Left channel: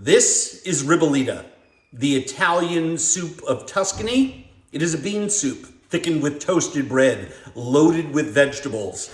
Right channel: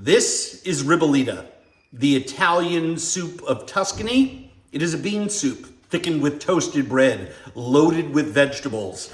This is Ribollita, the Italian soup of Tuscany. It is a bean soup thickened with toasted bread, loaded with vegetables,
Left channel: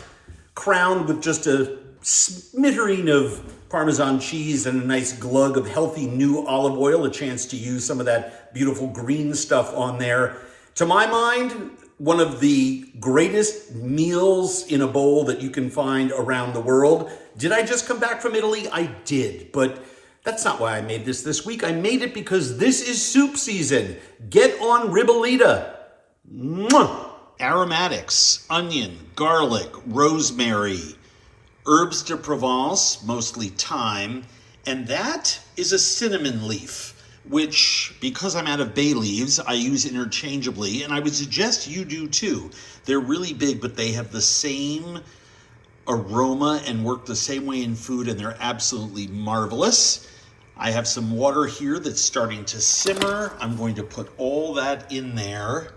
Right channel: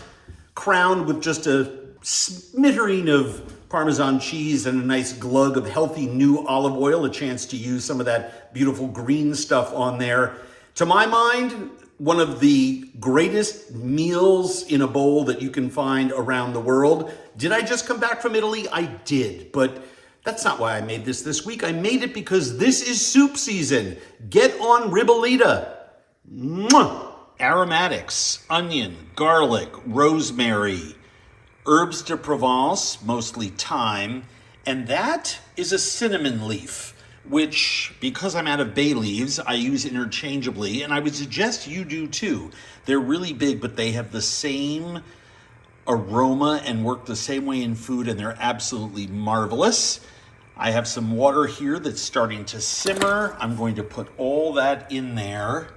crowned with just a smattering of Parmesan cheese and a nice glug of healthy new olive oil, a chance to use some of that beautiful green stuff on there. To my mind, one of the greatest meals in a bowl that you can find around the world. Did I just come back from Italy? I did, but that's not why I made this week. I made it because this is soup season. Get on Ribollita. Mwah! Aromatics, onion, garlic, rosemary, herbs de Provence, mostly thyme, and that is a cinnamon leaf, which, because I'm out of bay leaves, I use interchangeably, and I would suggest you do too. They're really big, but they have the same aroma and work the same way in food, and they're absolutely marvelous. I have some water here that's starting to simmer. I'm going to put all that in there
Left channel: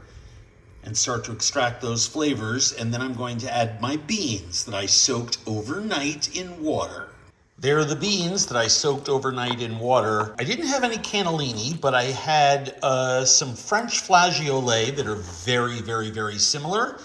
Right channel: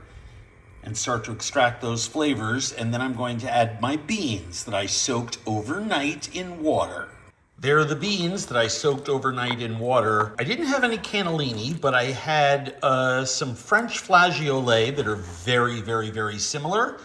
and start to extract those flavors, and then I'm going to add my beans that I soaked overnight in water. There are the beans that I soaked overnight in water. I didn't have any cannellini, but I had some French flageolets that are very, very, very similar.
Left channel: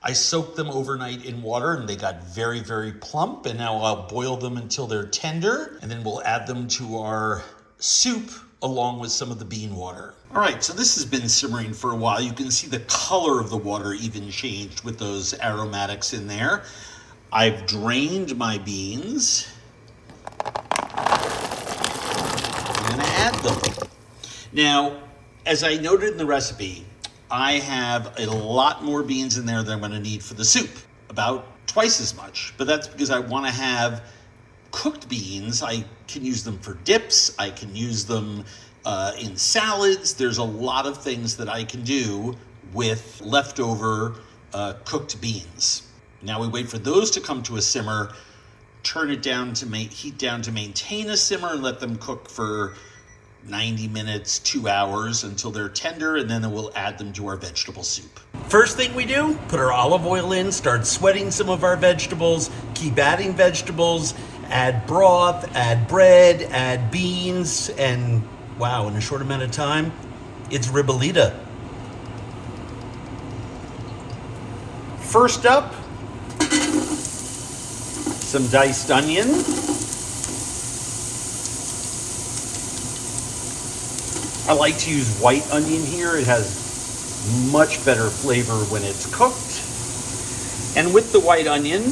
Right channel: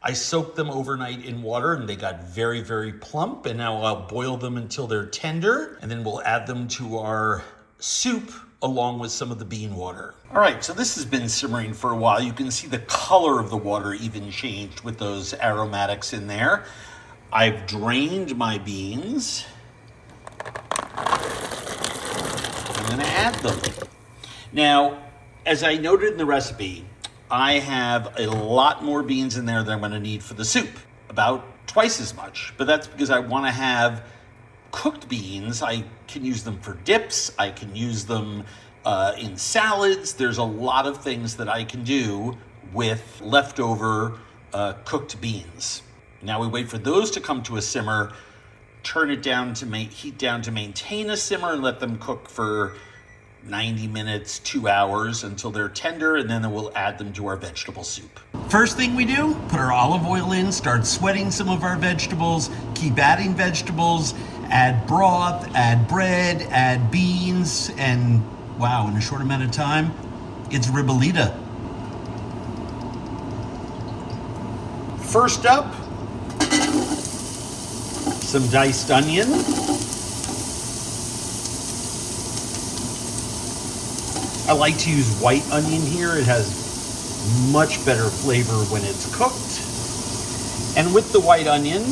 I soaked them overnight in water and they got very, very plump, and now I'll boil them until they're tender, and then we'll add them to our soup along with some of the bean water. All right, so this has been simmering for a while. You can see the color of the water even changed with those aromatics in there. I've drained my beans. I'm gonna add them. Now, as I noted in the recipe, I have a lot more beans in there than I'm gonna need for the soup, about twice as much, but that's because I wanna have cooked beans. I can use them for dips, I can use them in salads. There's a lot of things that I can do with leftover cooked beans. Now we wait for those to come to a simmer, turn it down to heat down to maintain a simmer, and let them cook for 90 minutes, 2 hours until they're tender, and then we'll add them to our vegetable soup. First thing we do, put our olive oil in, start sweating some of our vegetables, keep adding vegetables, add broth, add bread, add beans, and wow, in a short amount of time, it's Ribollita. First up, some diced onion. I like to use white onion here. It has much better flavor when it's cooked. And with the white onion,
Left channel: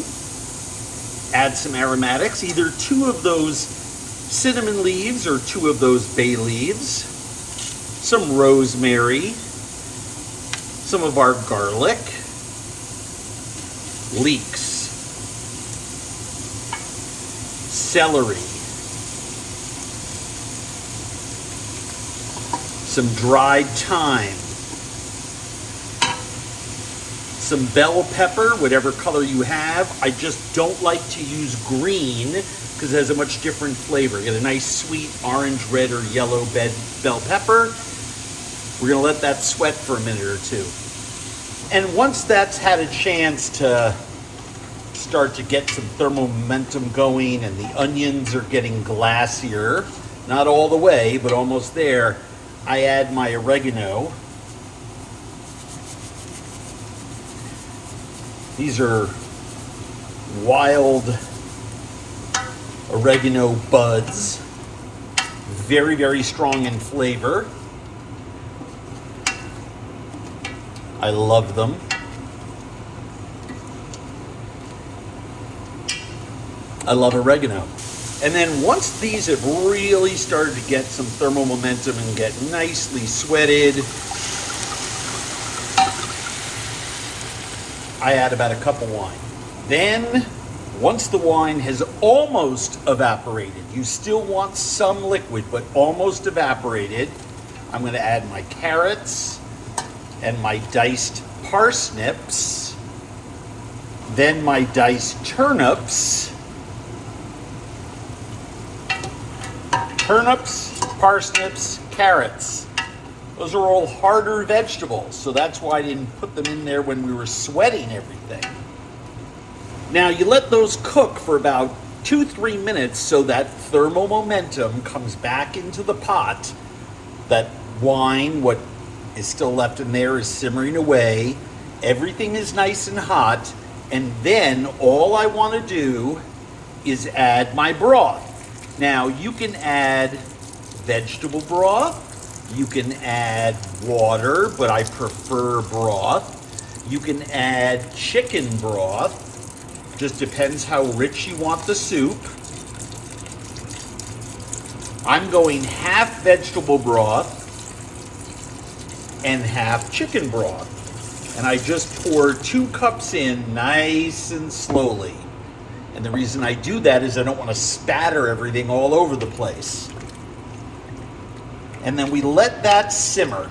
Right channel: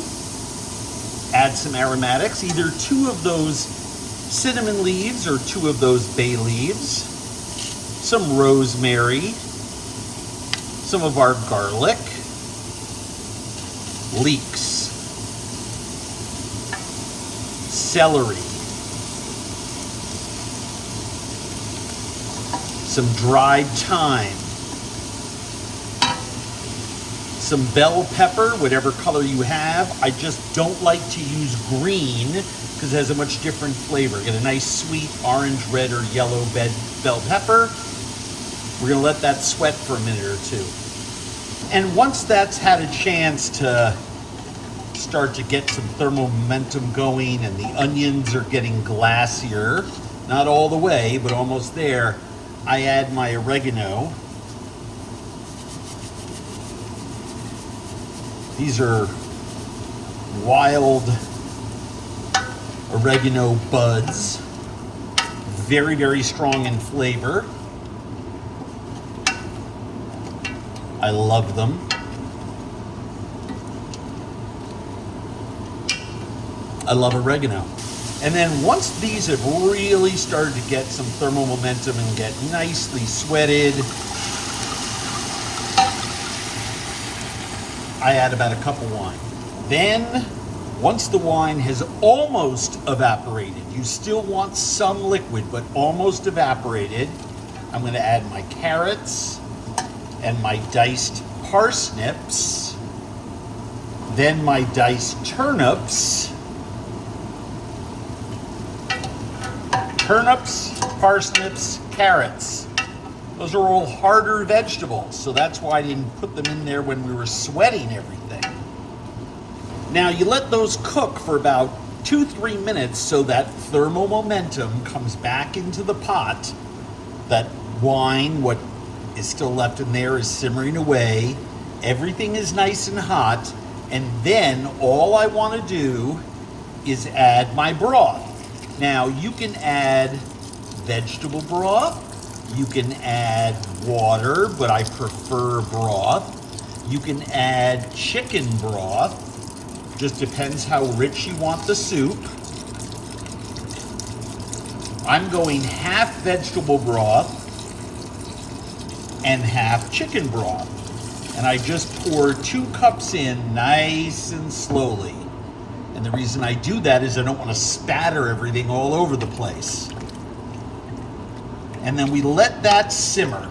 add some aromatics, either 2 of those cinnamon leaves or 2 of those bay leaves, some rosemary, some of our garlic, leeks, celery, some dried thyme, some bell pepper, whatever color you have. I just don't like to use green because it has a much different flavor. Get a nice sweet orange, red, or yellow bell pepper. We're gonna let that sweat for a minute or 2. And once that's had a chance to start to get some thermal momentum going and the onions are getting glassier, not all the way, but almost there, I add my oregano. These are wild oregano buds, very, very strong in flavor. I love them. I love oregano. And then once these have really started to get some thermal momentum and get nicely sweated, I add about a cup of wine. Then, once the wine has almost evaporated, you still want some liquid, but almost evaporated, I'm gonna add my carrots and my diced parsnips, then my diced turnips, parsnips, carrots. Those are all harder vegetables, so that's why I didn't put them in there when we were sweating everything. Now you let those cook for about 2-3 minutes so that thermal momentum comes back into the pot. That wine, what is still left in there, is simmering away. Everything is nice and hot. And then all I want to do is add my broth. Now you can add vegetable broth. You can add water, but I prefer broth. You can add chicken broth. Just depends how rich you want the soup. I'm going half vegetable broth and half chicken broth. And I just pour 2 cups in nice and slowly. And the reason I do that is I don't want to spatter everything all over the place. And then we let that simmer.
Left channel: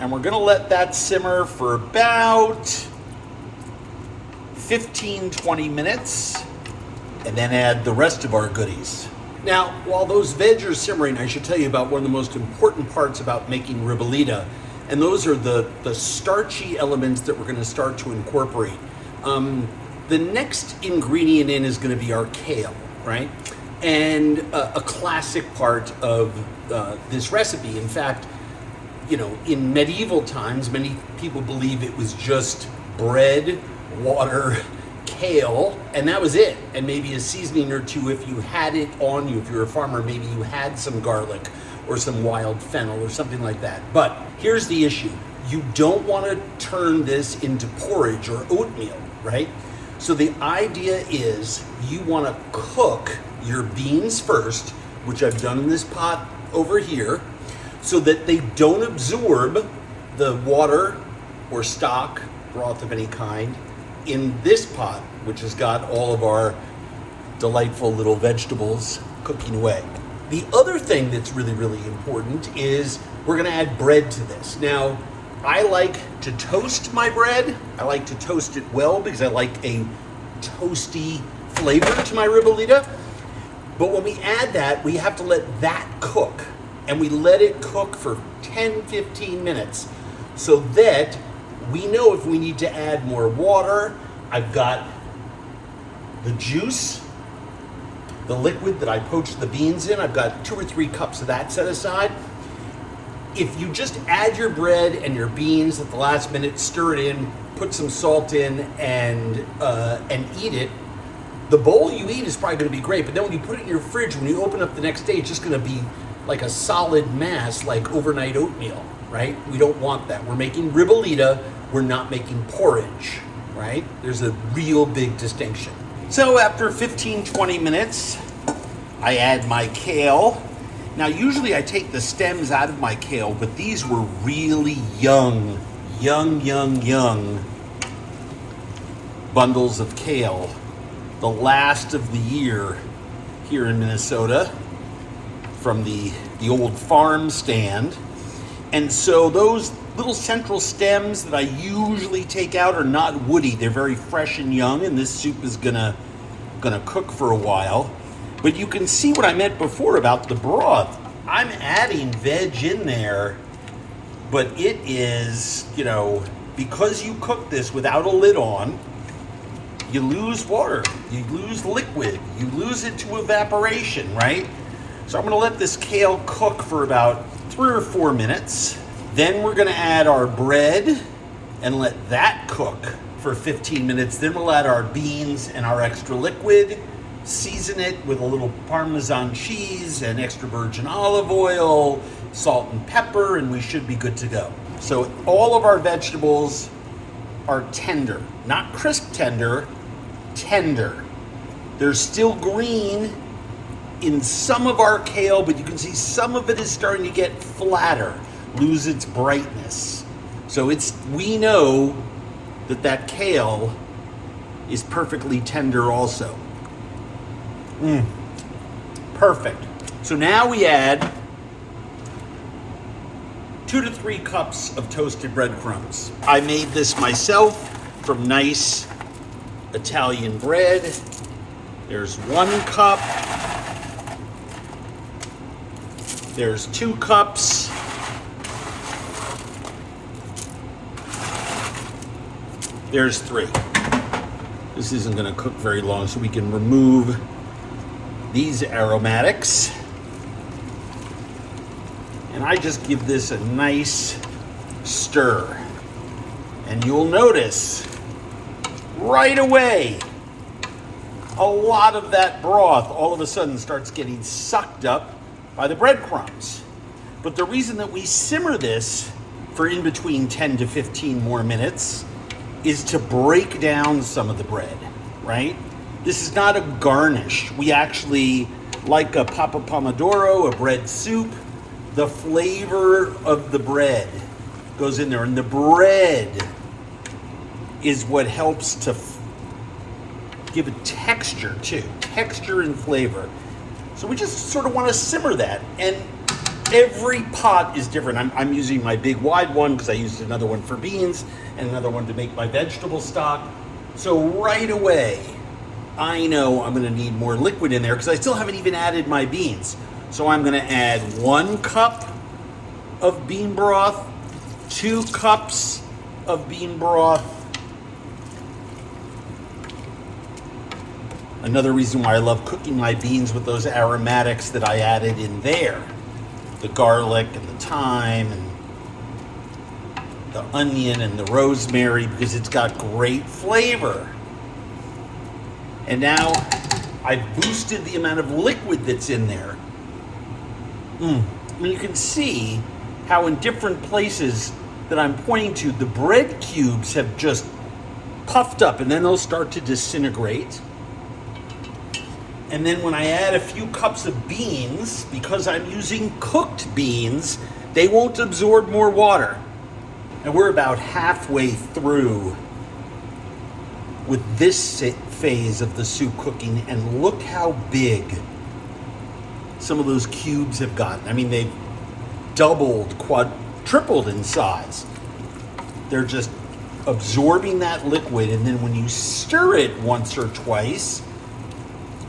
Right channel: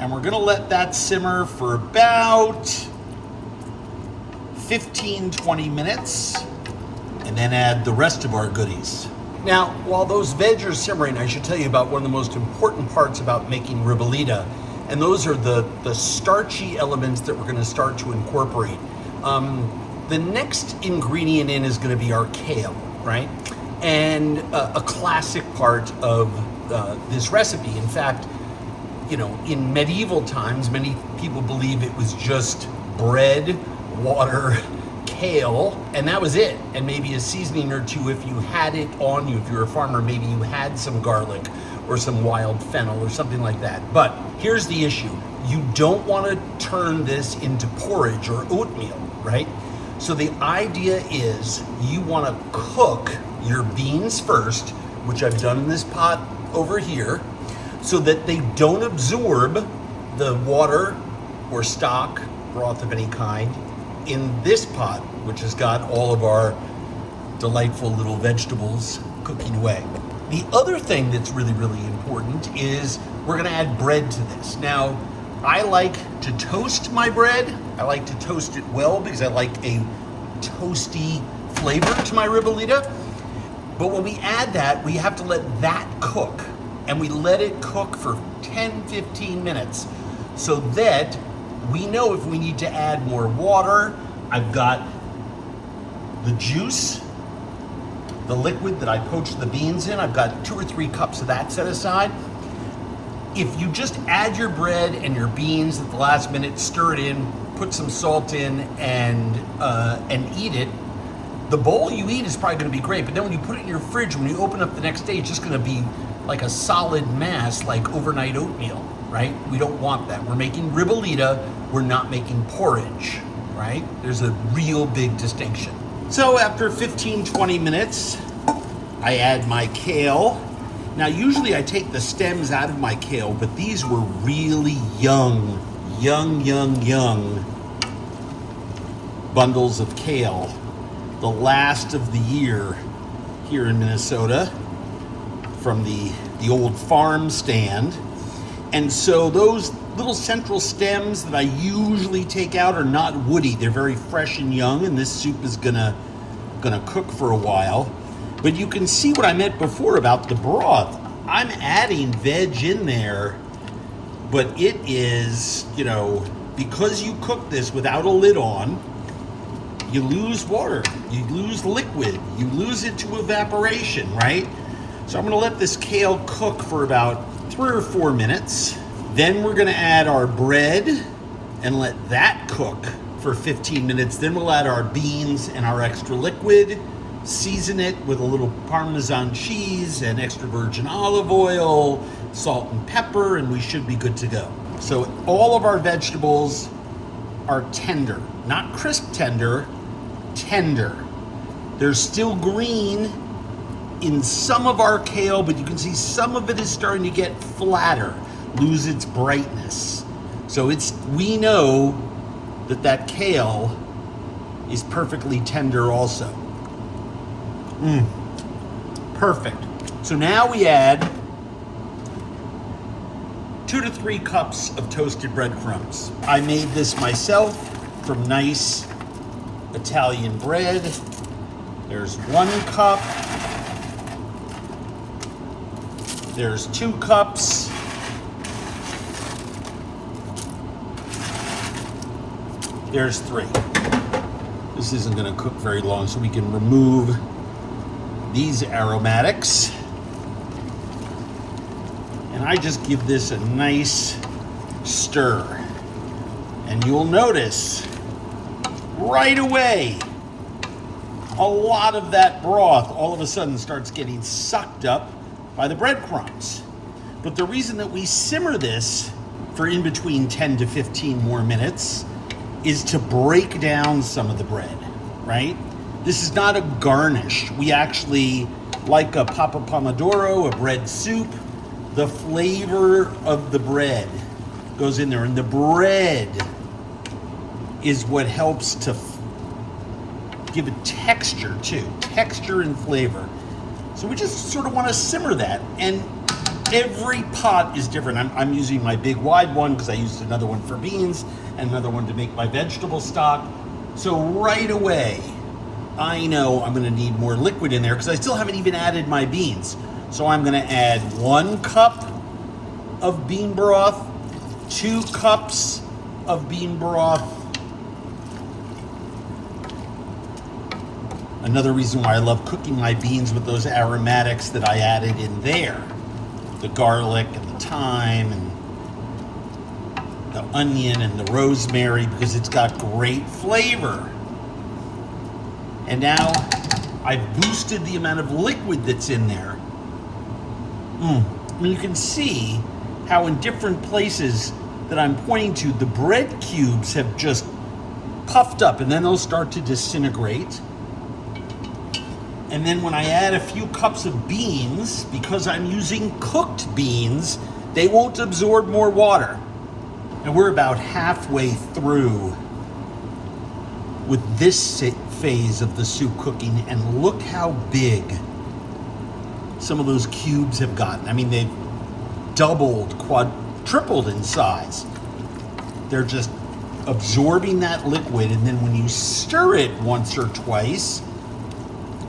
And we're going to let that simmer for about 15-20 minutes, and then add the rest of our goodies. Now, while those veg are simmering, I should tell you about one of the most important parts about making ribollita, and those are the starchy elements that we're going to start to incorporate. The next ingredient in is going to be our kale, right? And a classic part of this recipe. In fact, you know, in medieval times, many people believe it was just bread, water, kale, and that was it. And maybe a seasoning or two if you had it on you. If you're a farmer, maybe you had some garlic or some wild fennel or something like that. But here's the issue. You don't want to turn this into porridge or oatmeal, right? So the idea is you want to cook your beans first, which I've done in this pot over here, so that they don't absorb the water or stock, broth of any kind, in this pot, which has got all of our delightful little vegetables cooking away. The other thing that's really, really important is we're gonna add bread to this. Now, I like to toast my bread. I like to toast it well because I like a toasty flavor to my ribollita. But when we add that, we have to let that cook. And we let it cook for 10-15 minutes so that we know if we need to add more water. I've got the juice, the liquid that I poached the beans in. I've got 2 or 3 cups of that set aside. If you just add your bread and your beans at the last minute, stir it in, put some salt in, and eat it, the bowl you eat is probably going to be great. But then when you put it in your fridge, when you open up the next day, it's just going to be like a solid mass, like overnight oatmeal, right? We don't want that. We're making ribollita, we're not making porridge, right? There's a real big distinction. So after 15-20 minutes, I add my kale. Now usually I take the stems out of my kale, but these were really young bundles of kale. The last of the year here in Minnesota, from the old farm stand. And so those little central stems that I usually take out are not woody. They're very fresh and young, and this soup is gonna cook for a while. But you can see what I meant before about the broth. I'm adding veg in there, but it is, you know, because you cook this without a lid on, you lose water, you lose liquid, you lose it to evaporation, right? So I'm gonna let this kale cook for about 3 or 4 minutes. Then we're gonna add our bread and let that cook for 15 minutes. Then we'll add our beans and our extra liquid, season it with a little Parmesan cheese and extra virgin olive oil, salt and pepper, and we should be good to go. So all of our vegetables are tender, not crisp tender, tender. There's still green in some of our kale, but you can see some of it is starting to get flatter, lose its brightness. So we know that kale is perfectly tender also. Perfect. So now we add 2 to 3 cups of toasted breadcrumbs. I made this myself from nice Italian bread. There's 1 cup. There's 2 cups. There's 3. This isn't going to cook very long, so we can remove these aromatics. And I just give this a nice stir. And you'll notice right away, a lot of that broth all of a sudden starts getting sucked up by the breadcrumbs. But the reason that we simmer this for in between 10 to 15 more minutes is to break down some of the bread, right? This is not a garnish. We actually, like a papa pomodoro, a bread soup, the flavor of the bread goes in there, and the bread is what helps to give it texture too, texture and flavor. So we just sort of want to simmer that, and every pot is different. I'm using my big wide one because I used another one for beans and another one to make my vegetable stock. So right away, I know I'm going to need more liquid in there because I still haven't even added my beans. So I'm going to add 1 cup of bean broth, 2 cups of bean broth. Another reason why I love cooking my beans with those aromatics that I added in there. The garlic and the thyme and the onion and the rosemary, because it's got great flavor. And now I've boosted the amount of liquid that's in there. And you can see how in different places that I'm pointing to, the bread cubes have just puffed up, and then they'll start to disintegrate. And then when I add a few cups of beans, because I'm using cooked beans, they won't absorb more water. And we're about halfway through with this phase of the soup cooking, and look how big some of those cubes have gotten. I mean, they've doubled, quadrupled in size. They're just absorbing that liquid, and then when you stir it once or twice,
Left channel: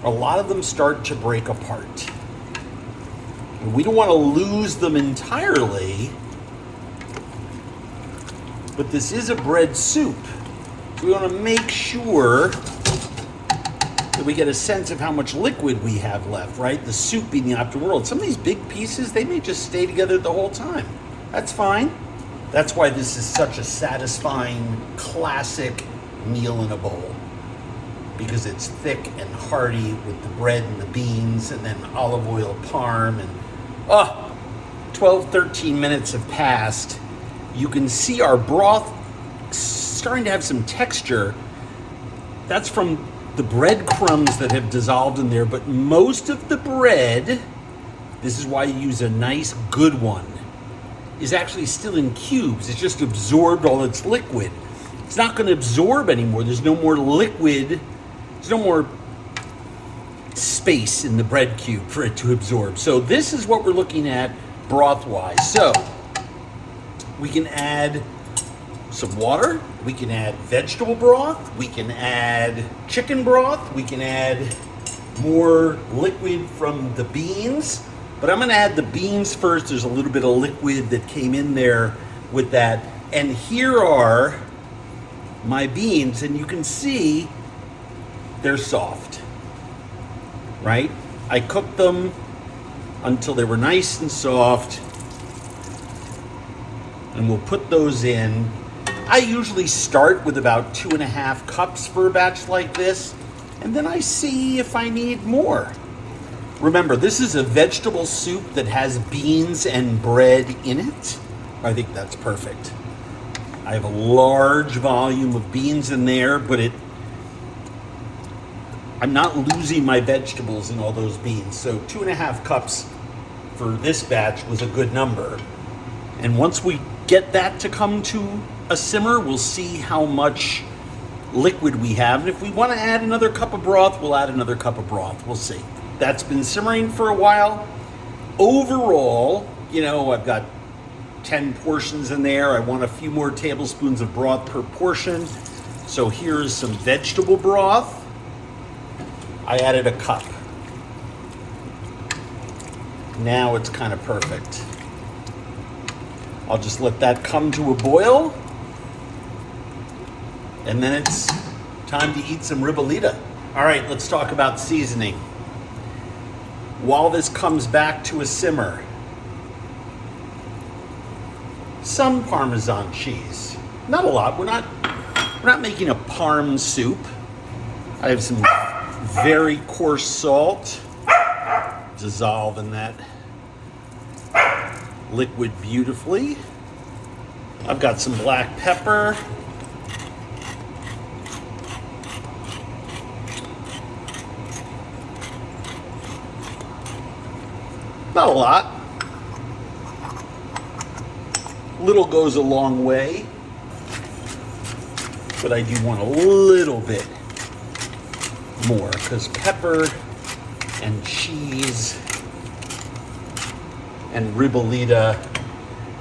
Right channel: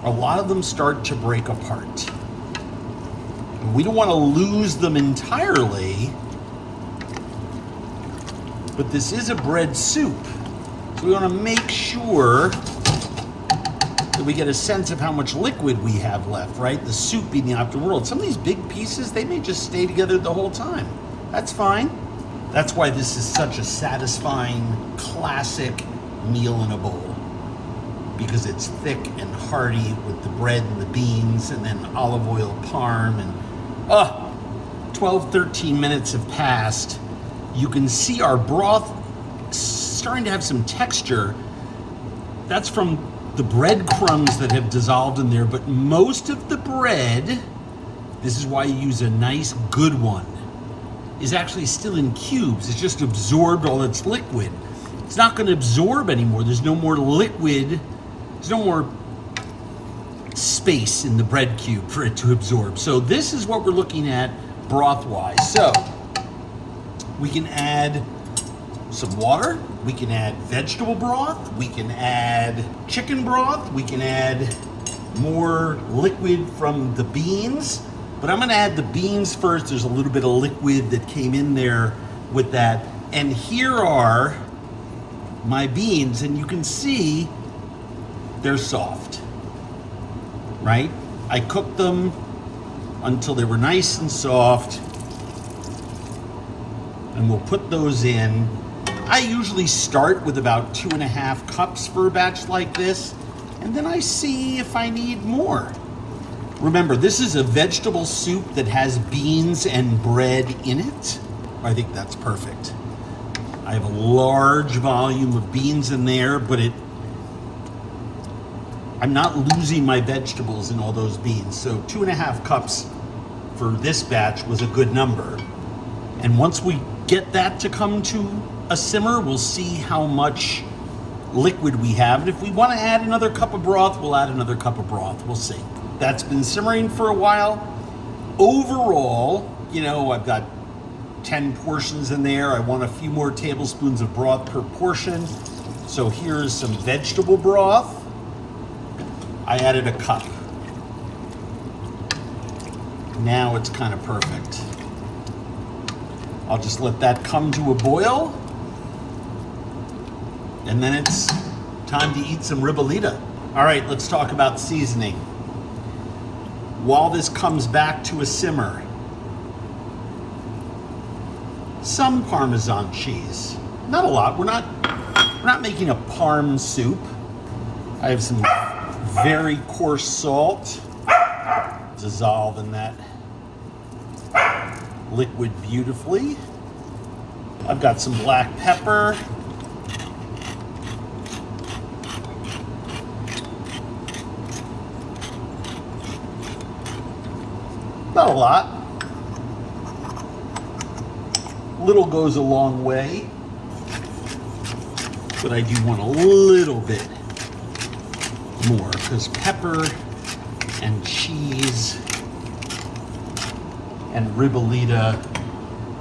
a lot of them start to break apart. We don't want to lose them entirely, but this is a bread soup. So we want to make sure that we get a sense of how much liquid we have left, right? The soup being the optimal world. Some of these big pieces, they may just stay together the whole time. That's fine. That's why this is such a satisfying, classic meal in a bowl. Because it's thick and hearty with the bread and the beans and then olive oil parm, and 12, 13 minutes have passed. You can see our broth starting to have some texture. That's from the breadcrumbs that have dissolved in there, but most of the bread, this is why you use a nice good one, is actually still in cubes. It's just absorbed all its liquid. It's not going to absorb anymore. There's no more liquid. There's no more space in the bread cube for it to absorb. So this is what we're looking at broth-wise. So we can add some water, we can add vegetable broth, we can add chicken broth, we can add more liquid from the beans, but I'm going to add the beans first. There's a little bit of liquid that came in there with that. And here are my beans, and you can see they're soft, right? I cooked them until they were nice and soft, and we'll put those in. I usually start with about 2.5 cups for a batch like this, and then I see if I need more. Remember, this is a vegetable soup that has beans and bread in it. I think that's perfect. I have a large volume of beans in there, but I'm not losing my vegetables in all those beans. So 2.5 cups for this batch was a good number. And once we get that to come to a simmer, we'll see how much liquid we have. And if we want to add another cup of broth, we'll add another cup of broth. We'll see. That's been simmering for a while. Overall, I've got 10 portions in there. I want a few more tablespoons of broth per portion. So here's some vegetable broth. I added a cup. Now it's kind of perfect. I'll just let that come to a boil. And then it's time to eat some Ribollita. All right, let's talk about seasoning. while this comes back to a simmer, some Parmesan cheese. Not a lot. We're not making a parm soup. I have some very coarse salt. Dissolve in that liquid beautifully. I've got some black pepper. Not a lot. Little goes a long way, but I do want a little bit more because pepper and cheese and Ribollita,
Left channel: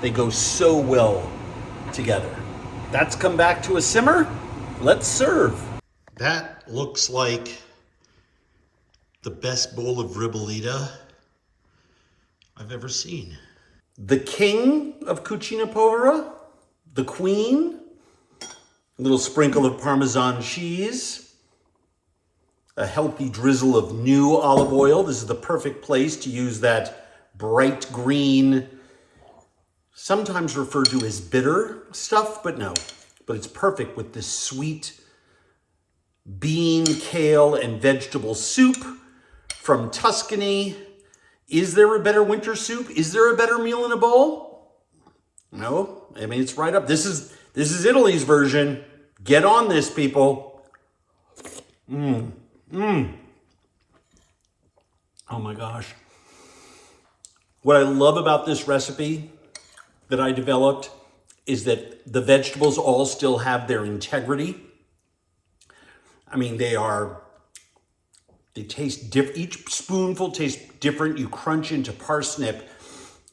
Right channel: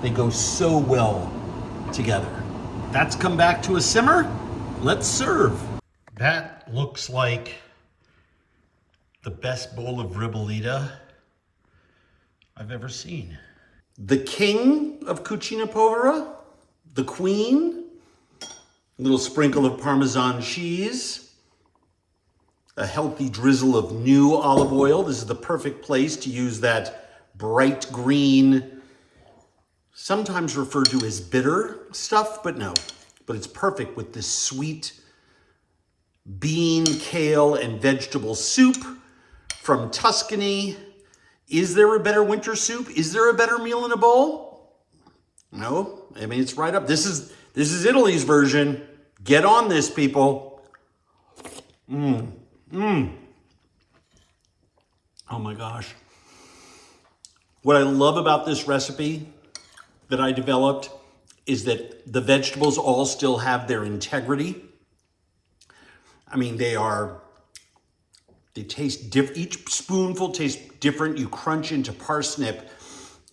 they go so well together. That's come back to a simmer. Let's serve. That looks like the best bowl of Ribollita I've ever seen. The king of cucina povera, the queen, a little sprinkle of Parmesan cheese, a healthy drizzle of new olive oil. This is the perfect place to use that bright green, sometimes referred to as bitter stuff, but no. But it's perfect with this sweet bean, kale, and vegetable soup from Tuscany. Is there a better winter soup? Is there a better meal in a bowl? No, I mean, it's right up. This is Italy's version. Get on this, people. Oh my gosh. What I love about this recipe that I developed is that the vegetables all still have their integrity. I mean, they taste different. Each spoonful tastes different. You crunch into parsnip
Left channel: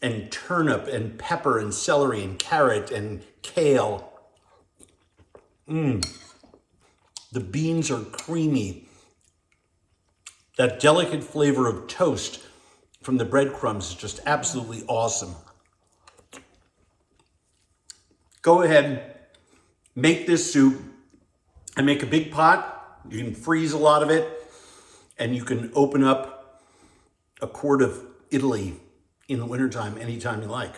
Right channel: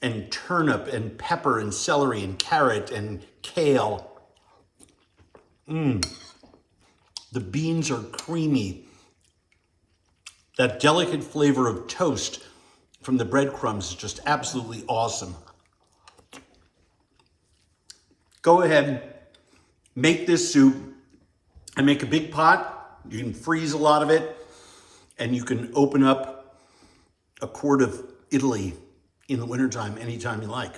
and turnip and pepper and celery and carrot and kale. The beans are creamy. That delicate flavor of toast from the breadcrumbs is just absolutely awesome. Go ahead, make this soup. I make a big pot. You can freeze a lot of it. And you can open up a quart of Italy in the wintertime anytime you like.